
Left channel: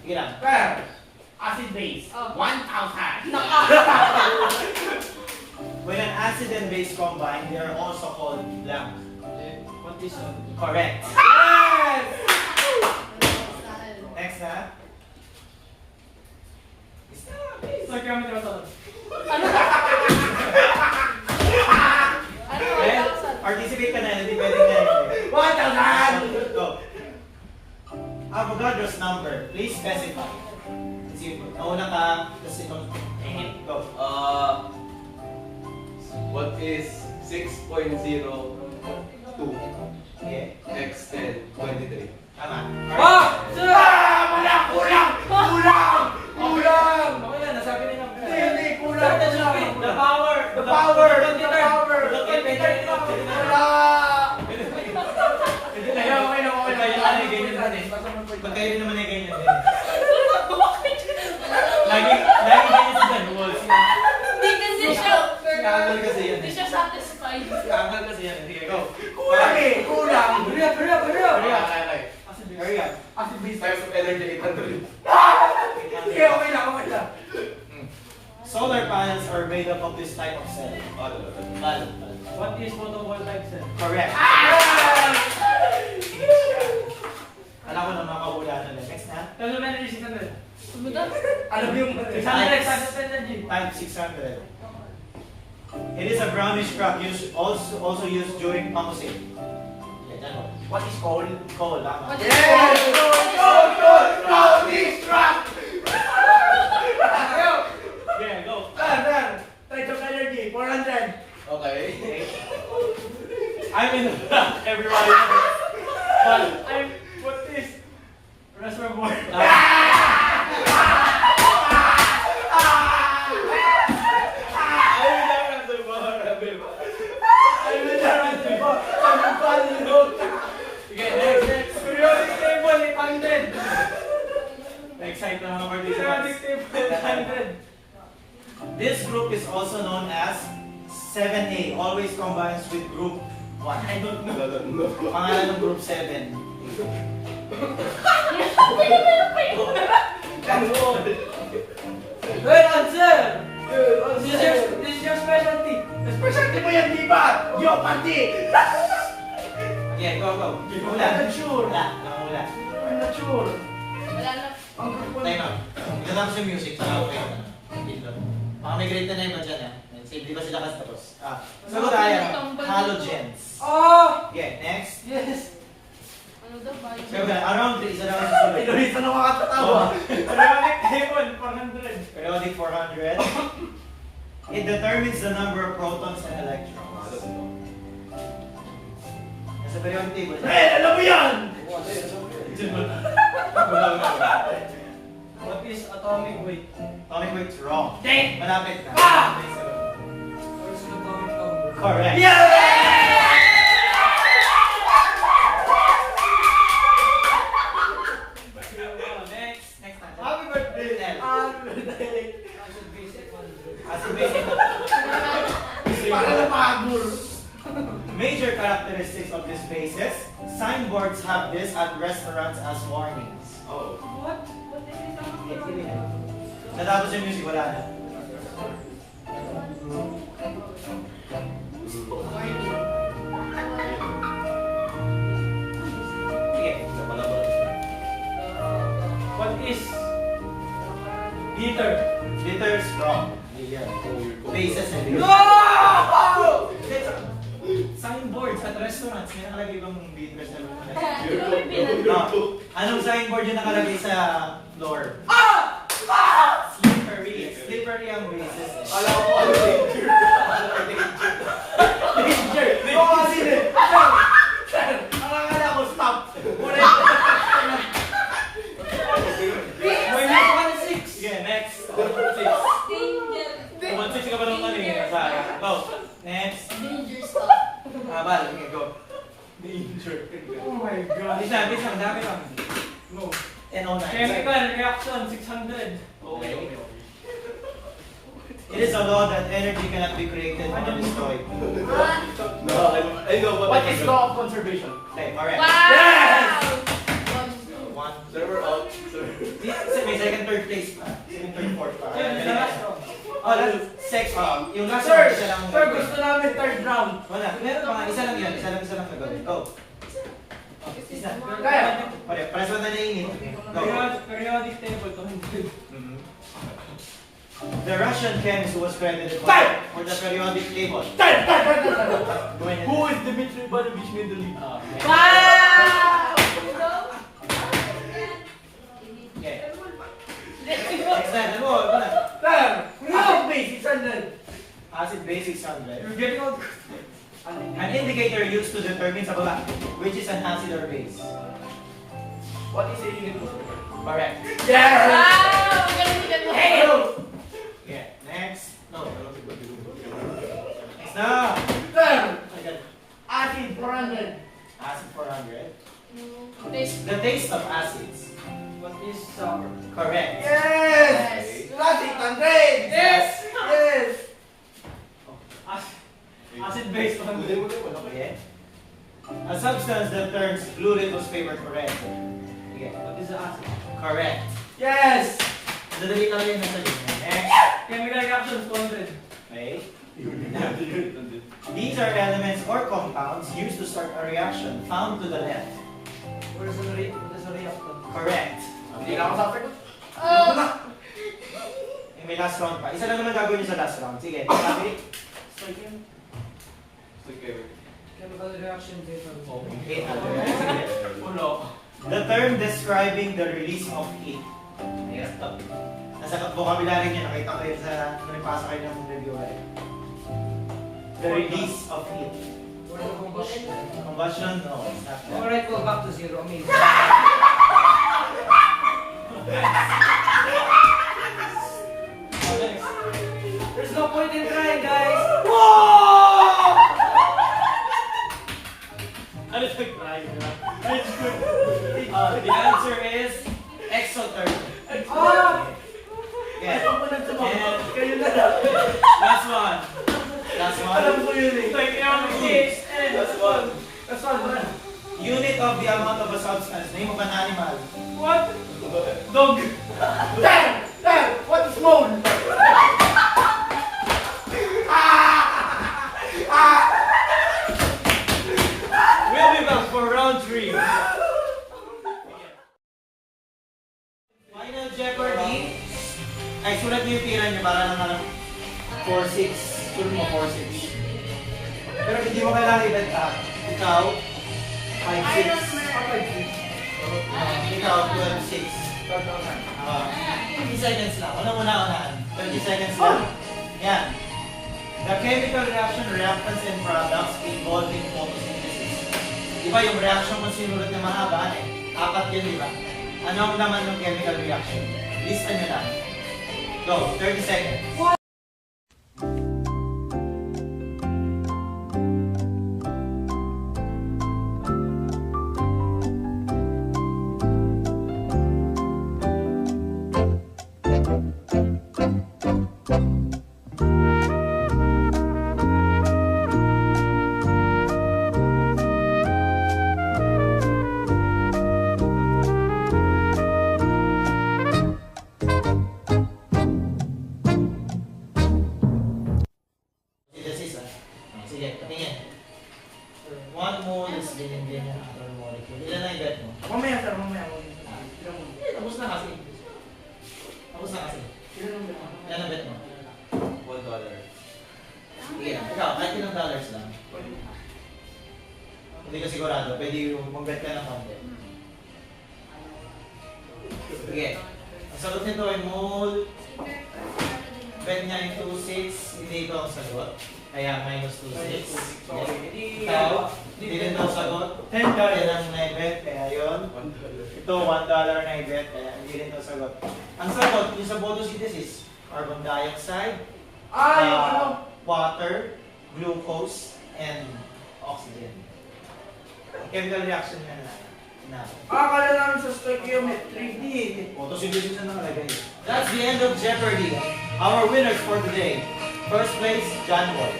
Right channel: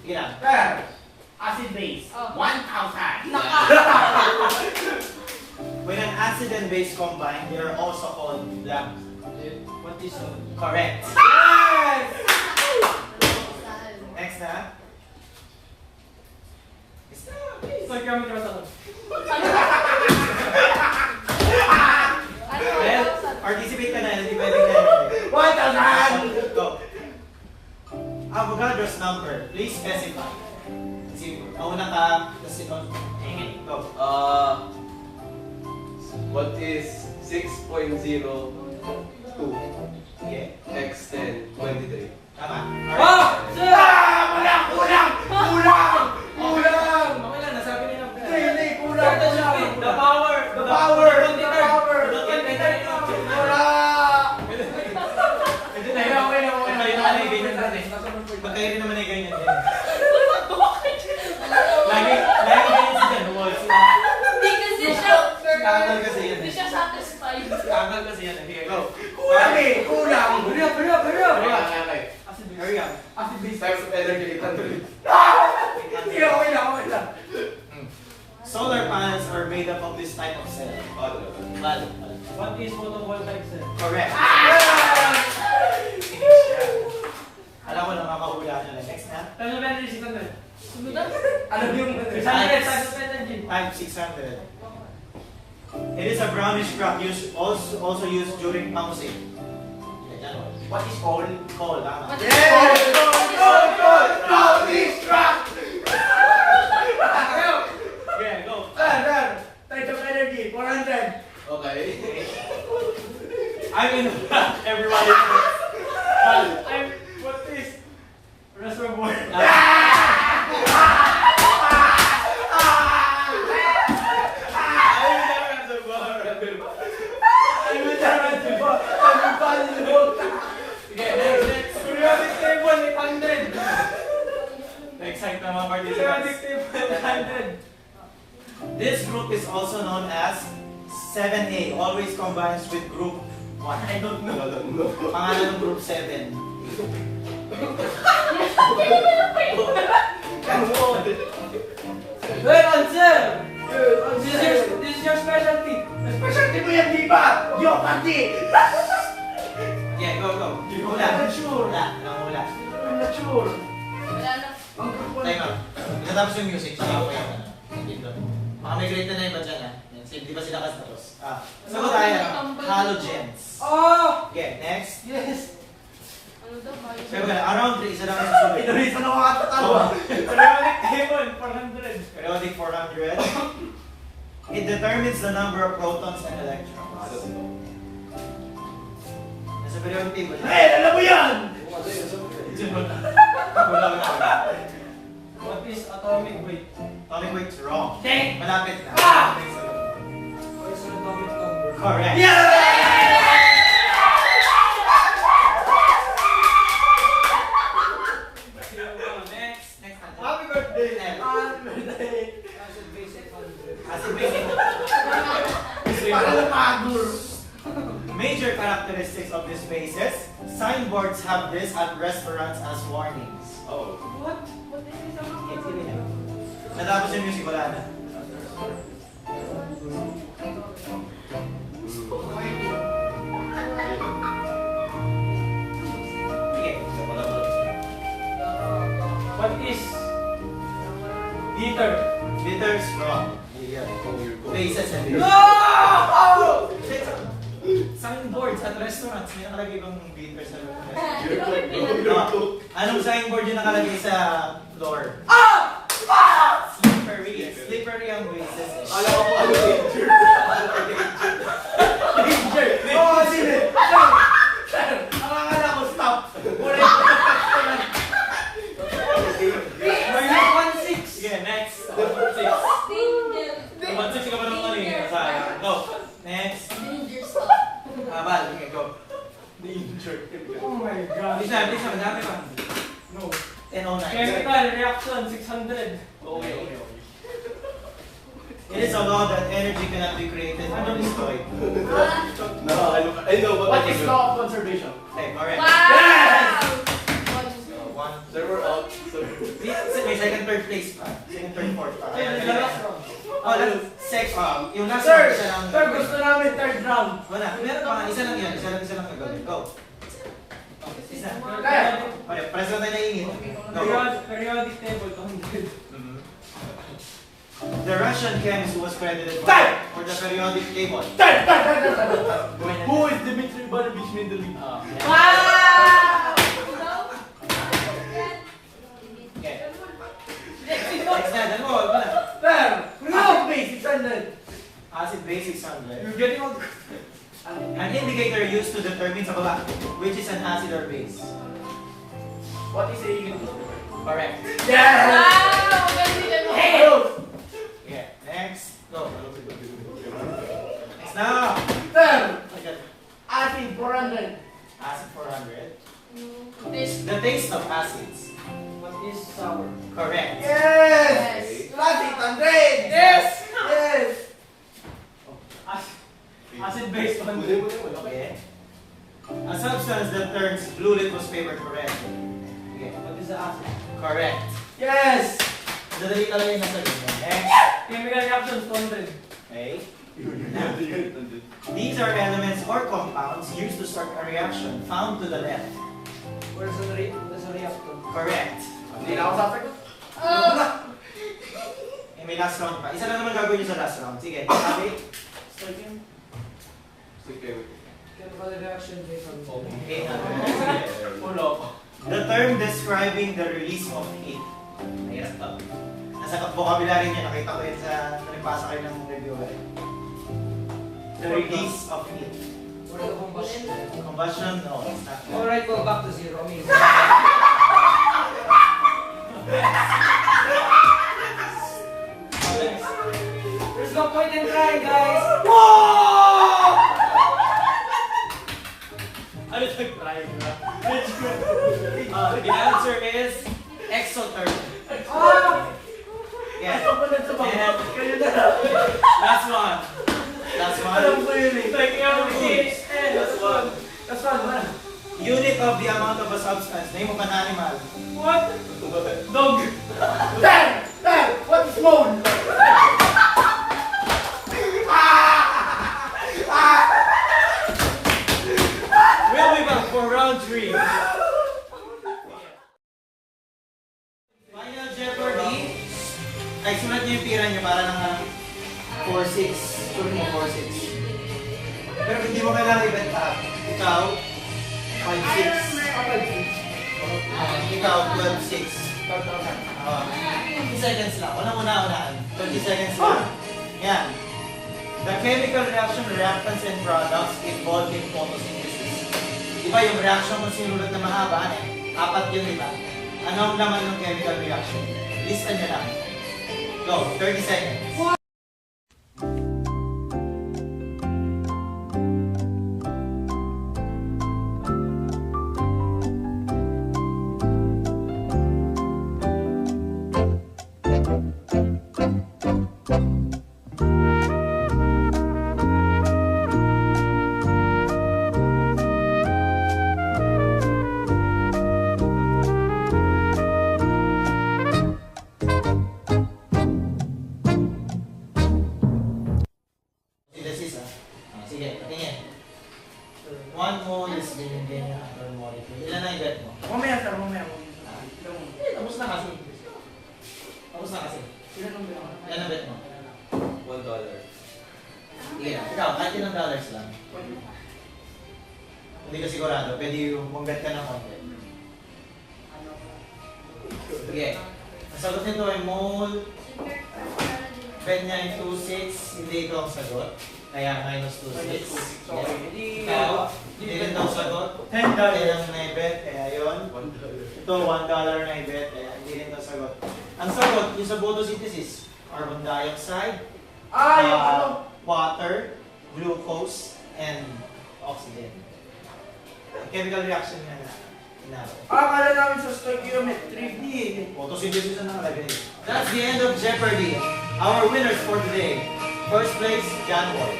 Sige lang. Acid base, Oh. 1,000. When an acid and base combine, they are also called blank. What is Correct. Yes! Next na. Stoichiometry was Well, participate ka na, hindi pwedeng na yun. 1,000! Go. Avogadro's number, please specify. Isipin mo, nauna ka, tapos ito, go. What is 6.02 Sige, x 10 23? tama. Ah! Sir! Kulang! Okay lang, nasabi nila. Hindi, kulang. power! Power! Wala! Ito na yun. Okay na ganyan natin. Ba't kayo rin naman ay ganyan din? Lagi ganyan si Dan Walls. Hindi kasi siya. Angal kasi yan. Hindi siya satisfied. Angal kasi yan. Sige, go. Kulang! Hurry up! Hurry up. Hurry up. Acid base. Types of energy 800. Hindi, okay na. Solar panels are made up of this type of cell. Balo. What is photovoltaic cell? Correct. Alam ko na makahula na lang. Next na. Ano ba yung 600? Sumudap. Alam yung 600 types of energy. Times 600. It is a brownish crack also used during pamusing. Yeah, that one. What is coal? Coal, tama. What is Brownish crack! Yeah, go. Types of energy, 400. Okay. I'm in the back. Everybody knows. What is reservoir? Next. Periodic table, 800. Excite na mga Periodic participants. table, 800. This group is also known as 7A. Always combines with group 1. I don't know. Pangalan ng group 7. Well, answer! This is your specialty. The specialty mo yan, di ba? Yo, pati! Yeah, go. I'm not sure. Wala. I'm not sure. Wala na. Time out. Itatapos yung music. Saka ako yung dito. Mga may grade na iba dyan, ha? Di ba sila kasi tapos? Sagot tayo. Halogens. Oh! Okay, next. Yes! Ano daw ba yun? Sabi ka, around isa lang yung susunod. Pinarita na makakatawa. Periodic table, 400. Periodic 400. It determines the number of protons and electrons. Nasa periodic table. Alam mo yan! What is atomic weight? Atomic weight's wrong. Dang! Malapit na. What is atomic number? Correct. Next natin. Happy birthday! Nel. Happy birthday! Acid base 800. As in basic. Para na pagul. Major characteristics of these bases. Signboards have this at restaurants as warnings. Oh. What? Okay, sige na. Natapos yung music, wala na. Sige. What is heater? Liters wrong. Bases and No! Signboards at restaurants. May nakalagay bang liters sa loob? Ano? Anong signboard yung nakalagay sa floor? Ah! Slippery. Slippery ang bases. Alam ko ano danger. Oo, sige. Sir, akala ko stop. Minus 1.6. Sige, next. 1-6. Danger. 1-6 ka pa nung kanina. Sayang. Go. Next. Danger stuff. Bal. Okay, go. Oh my God. Bisa, madami pa. No. 10:09. Chemical reaction 600. Okay. It is a law that energy cannot be created or destroyed. No, I know What is law of conservation? Okay, alright. Yes! One. Server out. May second, third place pa. Second, third, fourth pa. Sir, the last round. Oh, that's six. Yung last Sir, one, isa lang. sir, gusto namin third round. Wala. Meron pa. Isa lang yan. Isa lang kagawin. Go. Isa. Kaya. Okay, pares na tayo naingit. Go. Periodic table 200. Mhm. The Russian chemist who was credited for the periodic table. Who is Dmitry Ivanovich Mendeleev? Okay. Next na. Ano? Wala. Sir, acid base 600. Acid base 600. You're getting all. An indicator used to determine sa baba which is an acid or base. What is a Correct. Yes! Wow! Galing, galing. Hey! Yeah. Next. No. na. Sir, Agad. acid 400. Acid 400. This. The taste of acids. What is sour? Correct. Yes! Plus 800! Yes! Yes! Acid based on Okay. A substance that turns blue litmus paper to red. Okay. What is the acid? Correct. Yes! Dadali talaga yung nasa linya. Next. Chemical reactions 200. Okay. These are elements or compounds used to start a reaction. Found to the left. What is the reactant? Correct. Hindi na ako sa akin. Eh, may last round pa. Isa lang naman gagawin nyo sa last round. Sige. Sabi. Certain chemical reaction based on 800. Ulo. The term describing the release of heat. Mahirap to. Nasa vocabulary niya, nakita ko yun sa nagpasa kayo ng review. The release of heat. what is the combustion? Combustion? No, it's not that. Alright, go back to zero. I mean, there's no point in trying, guys. Ano ito yung try, diba? The answer is exothermic. Ah! Yeah. Ako na ito. And Kayo na lang. last one. Last Alam one. ko yun eh. Last one. That's one. Unit of the amount of a substance. Name of an animal. What? Dog. Sir! Sir! What is mold? We'll be back for round 3. Final Jeopardy. Ay, sulat niyo yung tira niyo para lang 4-6. Sulat mo 4-6. Pero hindi mo kailangan ibang tap. Ikaw, 5-6. Ikaw, 12-6. 20 seconds lang. Ano muna unahan? 20 seconds lang. Yan. The chemical reaction, reactants, and products involved in photosynthesis. Diba yung reaction kung sinulat na mahaba, apat yun, diba? Ano ang laman ng chemical reaction? Lista nyo lang. Go, 30 seconds. Synthesis, ah. Sige, patingin. One mole is ganyan-ganyan per molecule. Ilan na yung bet mo? Mamaya sir, mamaya. Eh, tapos na kasi. Tapos na kasi. Ilan ang bet mo? $1. Sige, ikaw, kahit ilang dollars lang. Hindi ka sigurado, pwede yung mag-bet ka ng konti. Sige. Ang sagot nito ay mole. Bet niya ay 2.6. Hindi ito ang sagot. Kaya minus 2.6. Ikaw, hindi rin ito ang sagot. $10 ang naibet, kaya yun. Ito, $1 na ibet, kaya hindi rin ito ang sagot. Ang sagot, yung sa photosynthesis, carbon dioxide, Yung ano? water, glucose, and oxygen. Chemical reaction na inabot. Akala namin sa stoichiometry. Di. Photosynthesis na nakalagay. That's the end of Jeopardy. Our winners for today. First place, John Boy.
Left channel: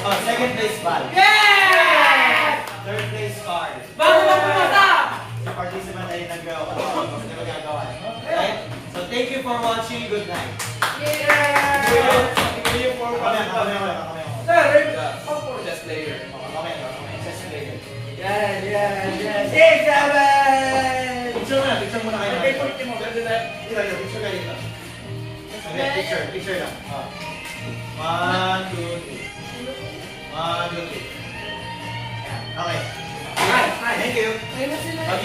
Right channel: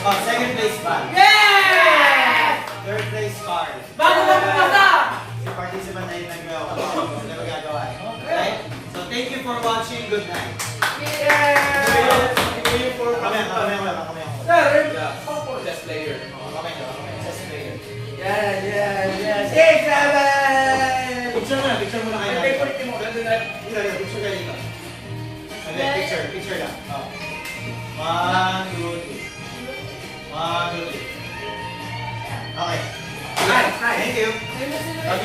Oh, second place, Val. Yeah! Third place, Carl. Bago na pumasa! Si participant na yung nag-gawa. Ano magagawa? Okay? So, thank you for watching. Good night. Yeah! Kami ako lang. Sir, Best player. Chess player. yeah. 6, 7! Picture muna kayo. Ay, pwede mo. Picture kayo dito. Okay, picture lang. Oh. 1, 2, 3. 1, 2, 3. Okay. Nice. Thank you. Sino sino? Pag